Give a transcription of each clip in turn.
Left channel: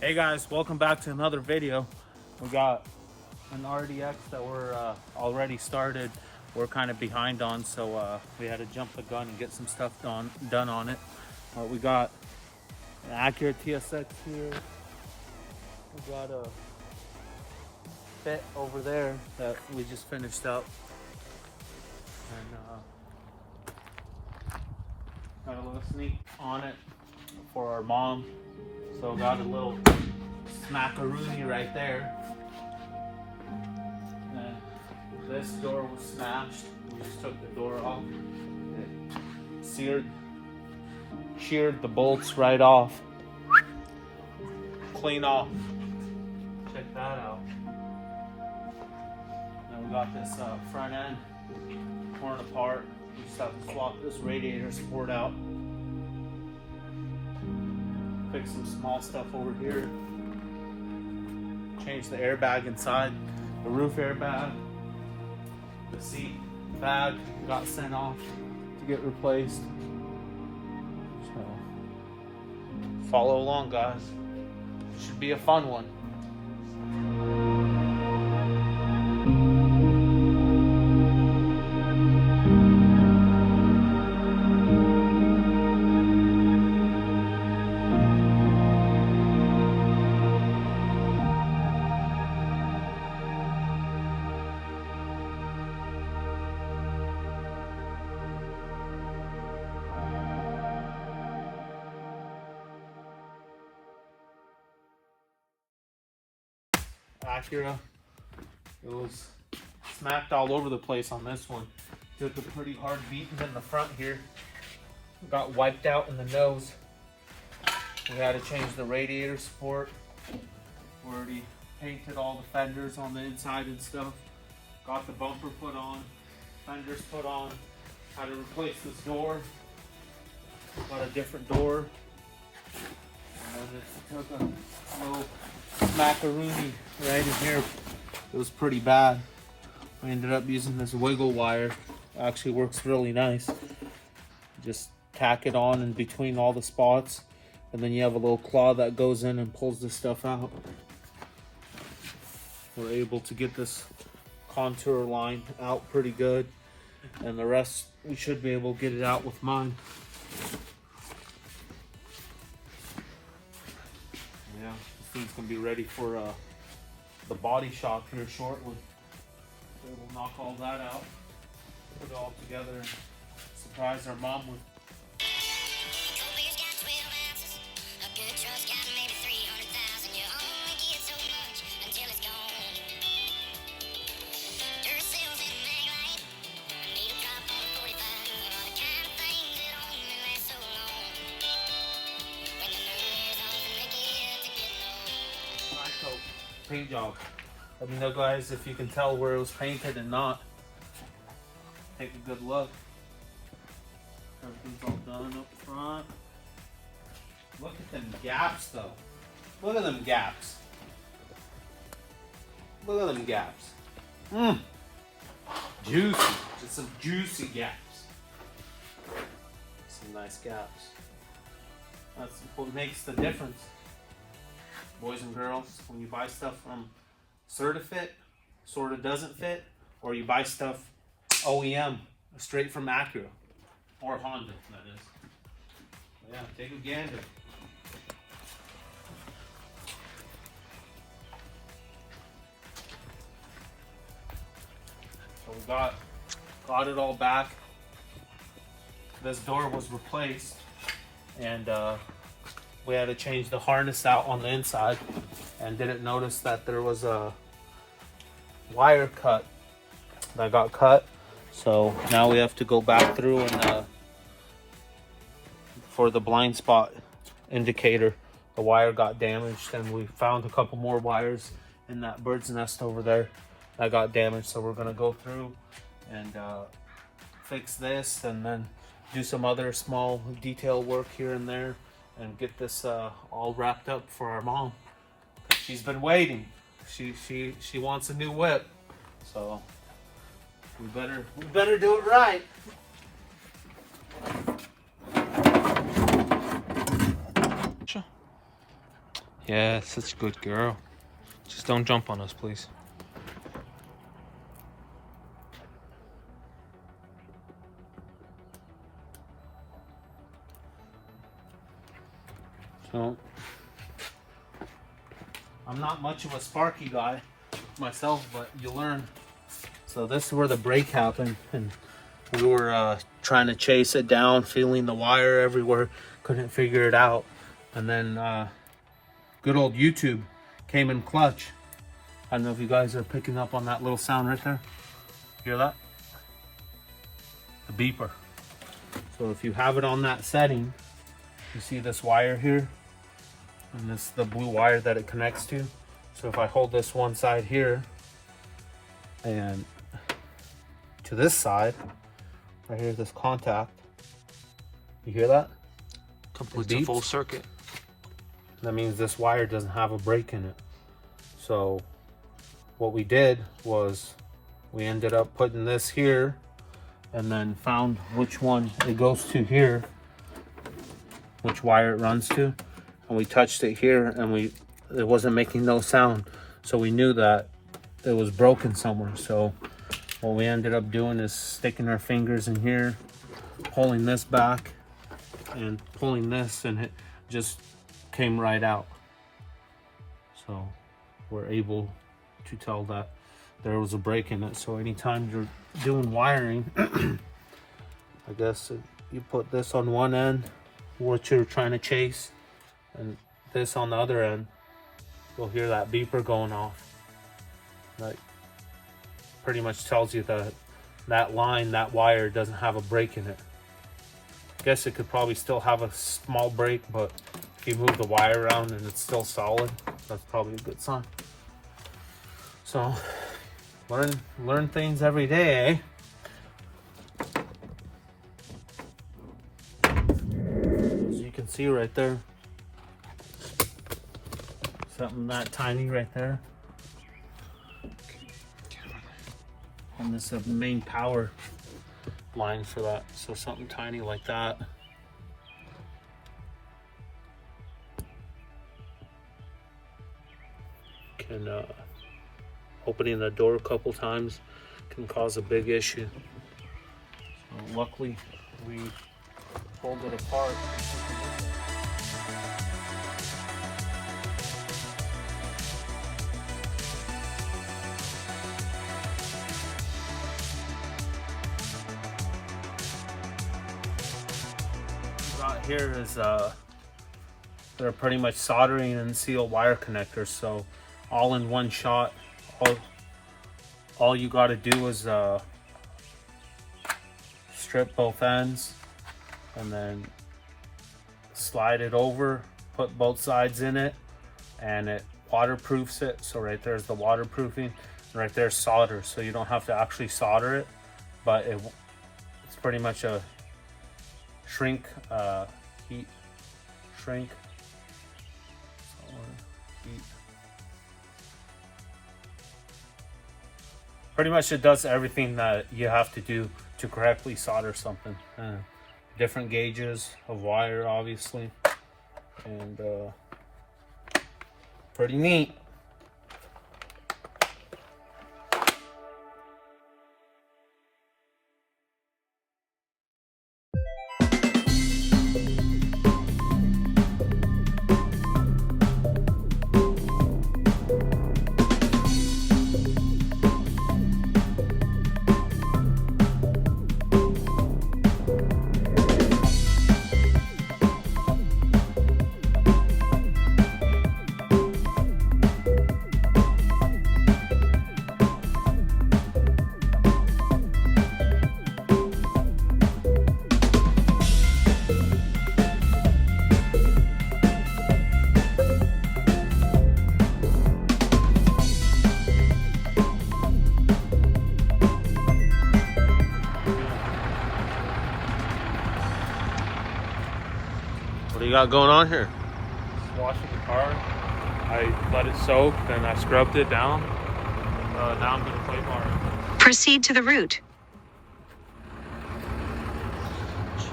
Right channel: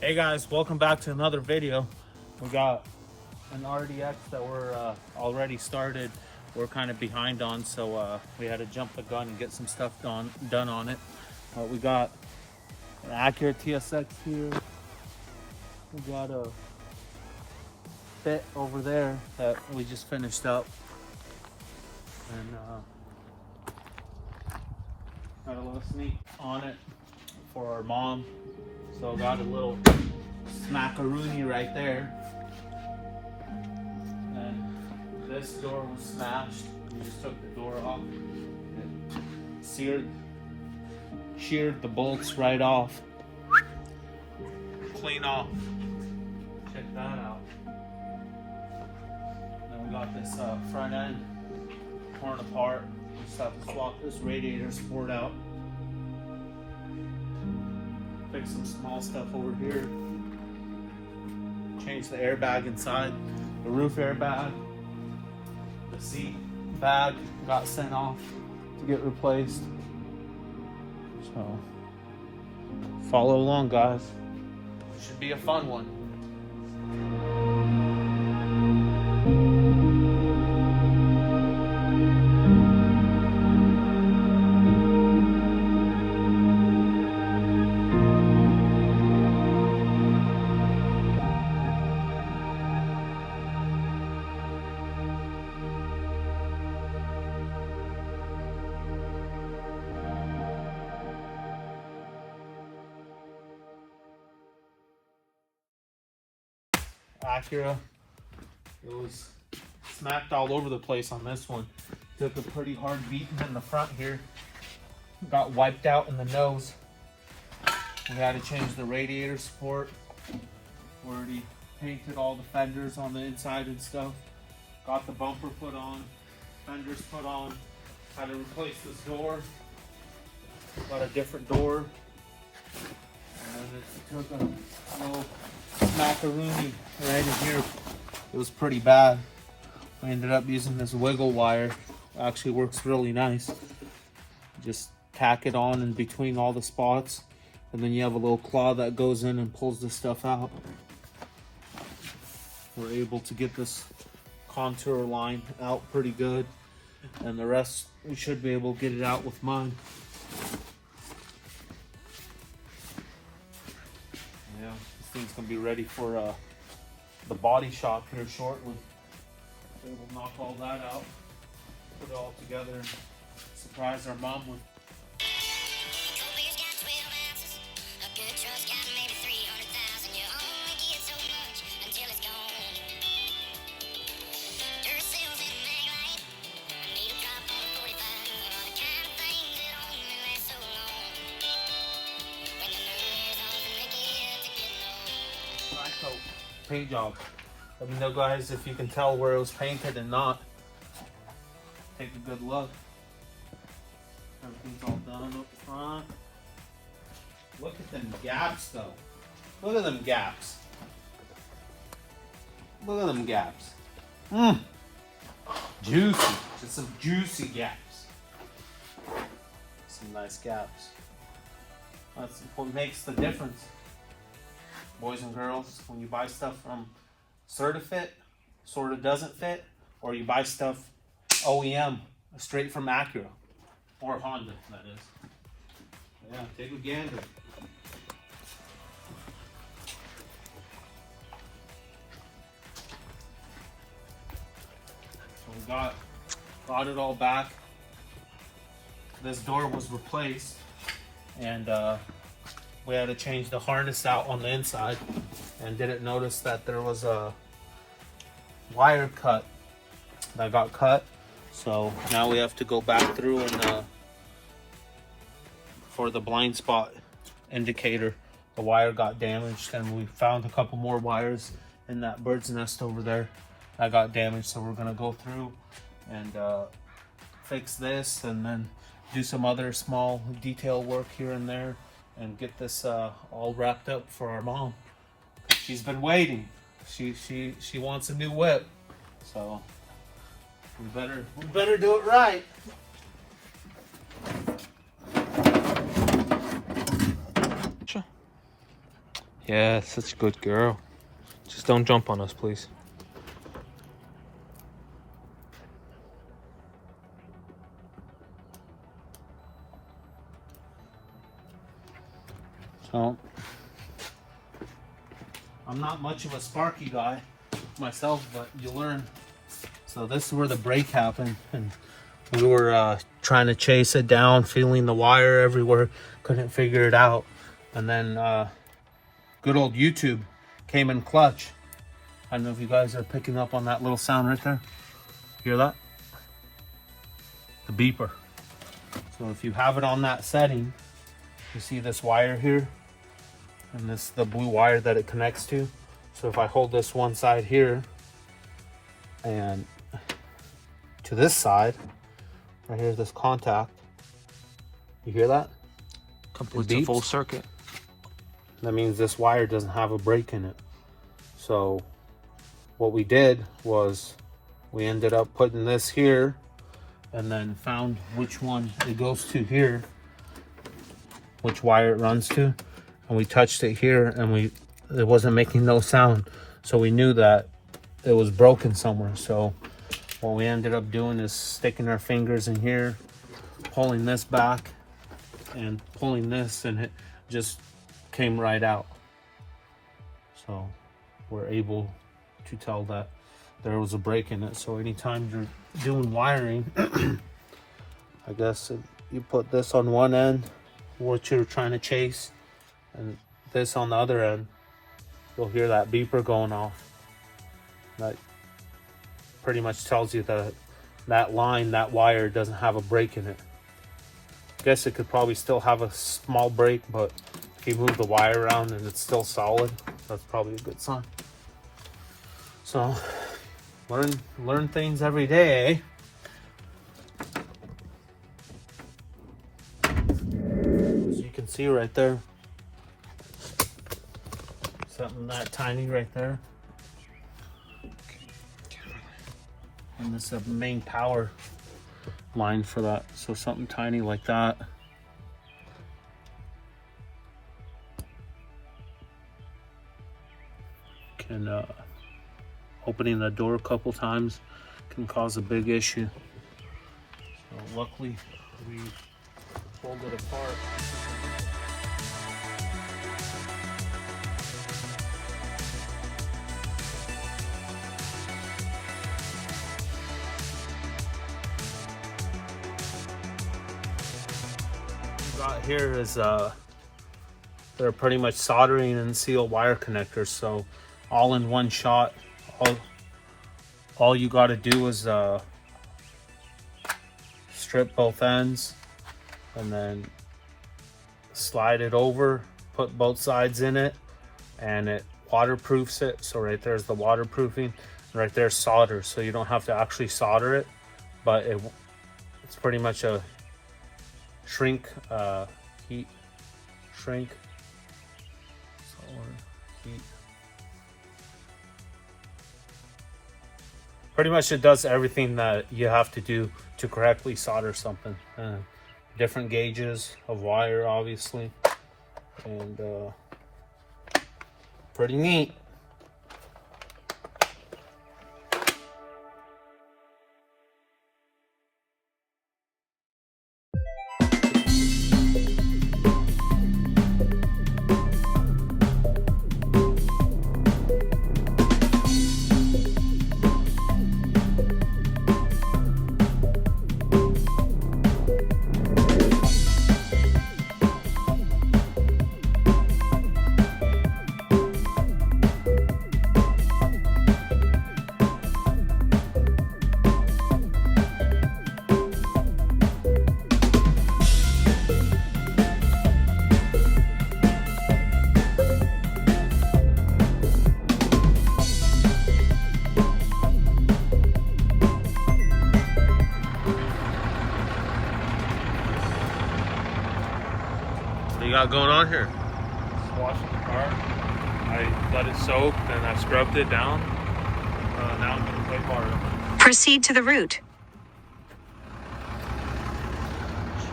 Hey guys, welcome back to another video. We got an RDX that we're already started. We're kind of behind on, so we had to jump the gun and get some stuff done on it. We got an Acura TSX here. We got a Fit over there that we just finished up. And, got a little sneak on it for our mom. So got a little smackaroonie right there. And this door was smashed. We just took the door off. It sheared the bolts right off. Clean off. Check that out. And we got this front end torn apart. We just have to swap this radiator support out. Fix some small stuff over here. Change the airbag inside. The roof airbag. The seat bag got sent off to get replaced. So follow along, guys. Should be a fun one. Acura, it was smacked all over the place on this one. Took a pretty hard beating in the front here. Got wiped out in the nose. We had to change the radiator support. We already painted all the fenders on the inside and stuff. Got the bumper put on, fenders put on. Had to replace this door. Got a different door. And it took a little macaroni right in here. It was pretty bad. I ended up using this wiggle wire. It actually works really nice. Just tack it on in between all the spots, and then you have a little claw that goes in and pulls the stuff out. We're able to get this contour line out pretty good, and the rest we should be able to get it out with mine. Yeah, this thing's gonna be ready for the body shop here shortly. We'll knock all that out, put it all together, and surprise our mom with. Paint job. Let me know, guys, if you can tell where it was painted and not. Take a good look. Everything's all done up front. Look at them gaps, though. Look at them gaps. Look at them gaps. Juicy. Just some juicy gaps. Some nice gaps. That's what makes the difference. Boys and girls, when you buy stuff from Certifit, sort of doesn't fit, or you buy stuff OEM, straight from Acura, or Honda, that is. Yeah, take a gander. So we brought it all back. This door was replaced, and we had to change the harness out on the inside, and didn't notice that there was a wire cut that got cut. So now we have to go back through and for the blind spot indicator, the wire got damaged, and we found a couple more wires in that bird's nest over there that got damaged. So we're gonna go through and fix this, and then do some other small detail work here and there, and get this all wrapped up for our mom. She's been waiting. She wants a new whip, so we better do it right. Yeah, such a good girl. Just don't jump on us, please. So, I'm not much of a Sparky guy myself, but you learn. So this is where the break happened, and we were trying to chase it down, feeling the wire everywhere, couldn't figure it out. And then good old YouTube came in clutch. I don't know if you guys are picking up on that little sound right there. Hear that? The beeper. So if you have it on that setting, you see this wire here, and this is the blue wire that it connects to. So if I hold this one side here and to this side, right here, this contact, you hear that? Completes a full circuit. That means this wire doesn't have a break in it. So what we did was we ended up putting this here and then found which one it goes to here, which wire it runs to. And we touched it here and it wasn't making no sound. So we knew that it was broken somewhere. So what we ended up doing is sticking our fingers in here, pulling this back and pulling this, and it just came right out. So we're able to tell that there was a break in it. So anytime you're doing wiring, I guess you put this on one end, what you're trying to chase, and this on the other end, you'll hear that beeper going off. That pretty much tells you that that line, that wire doesn't have a break in it. I guess it could probably still have a small break, but if you move the wire around and it's still solid, that's probably a good sign. So learn things every day, eh? As you can see right there, something that tiny right there. And this is the main power line for that. So something tiny like that. Can opening the door a couple times can cause a big issue. So luckily we pulled it apart. Here is they're pretty much soldering and seal wire connectors, so all in one shot. All you got to do is strip both ends and then slide it over, put both sides in it, and it waterproofs it. So right there's the waterproofing, right there's solder, so you don't have to actually solder it, but it's pretty much a heat shrink. Heat. Pretty much it does everything that you have to do to correctly solder something. Different gauges of wire, obviously, and pretty neat. What do you got going on here? Washing the car. I let it soak, then I scrubbed it down. Now I'm going to play bar. Proceed to the route.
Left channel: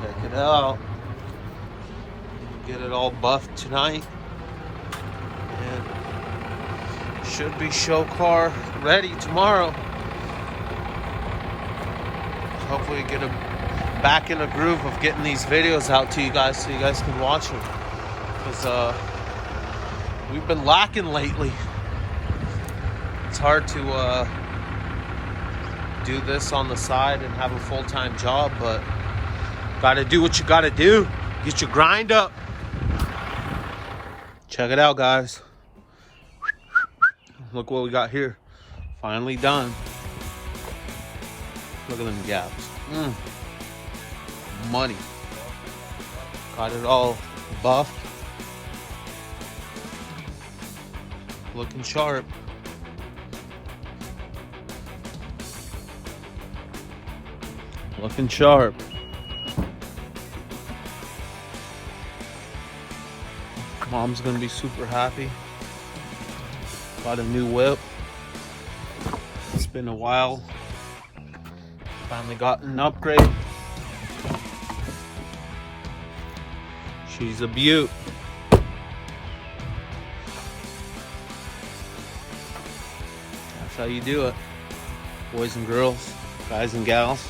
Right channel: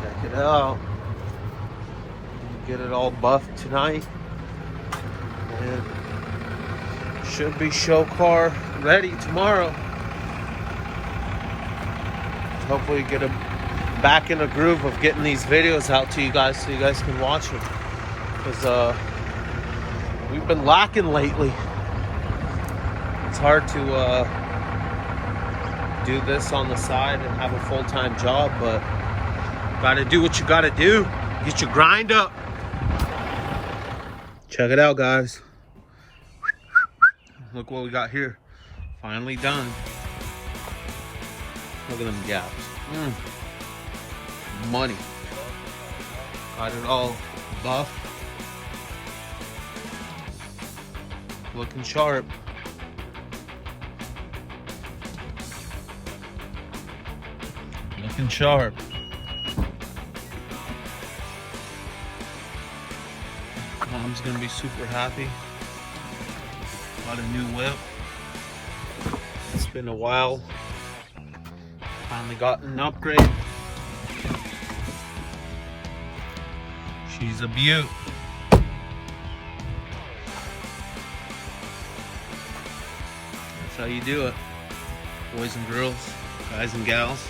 Check it out. Get it all buffed tonight. Should be show car ready tomorrow. Hopefully get back in a groove of getting these videos out to you guys so you guys can watch them. Because we've been lacking lately. It's hard to do this on the side and have a full-time job, but gotta do what you gotta do. Get your grind up. Check it out, guys. Look what we got here. Finally done. Look at them gaps. Money. Got it all buff. Looking sharp. Looking sharp. Mom's gonna be super happy. Got a new whip. It's been a while. Finally got an upgrade. She's a beaut. That's how you do it. Boys and girls, guys and gals.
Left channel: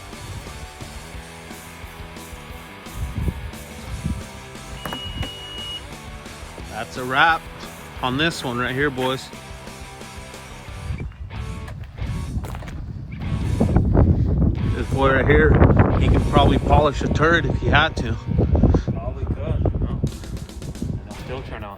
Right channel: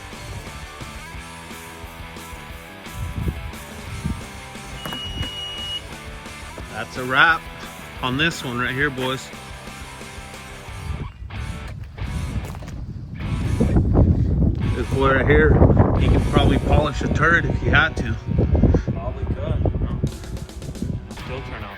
That's a wrap on this one right here, boys. This boy right here, you could probably polish a turd if you had to. Probably could. No. Filter now.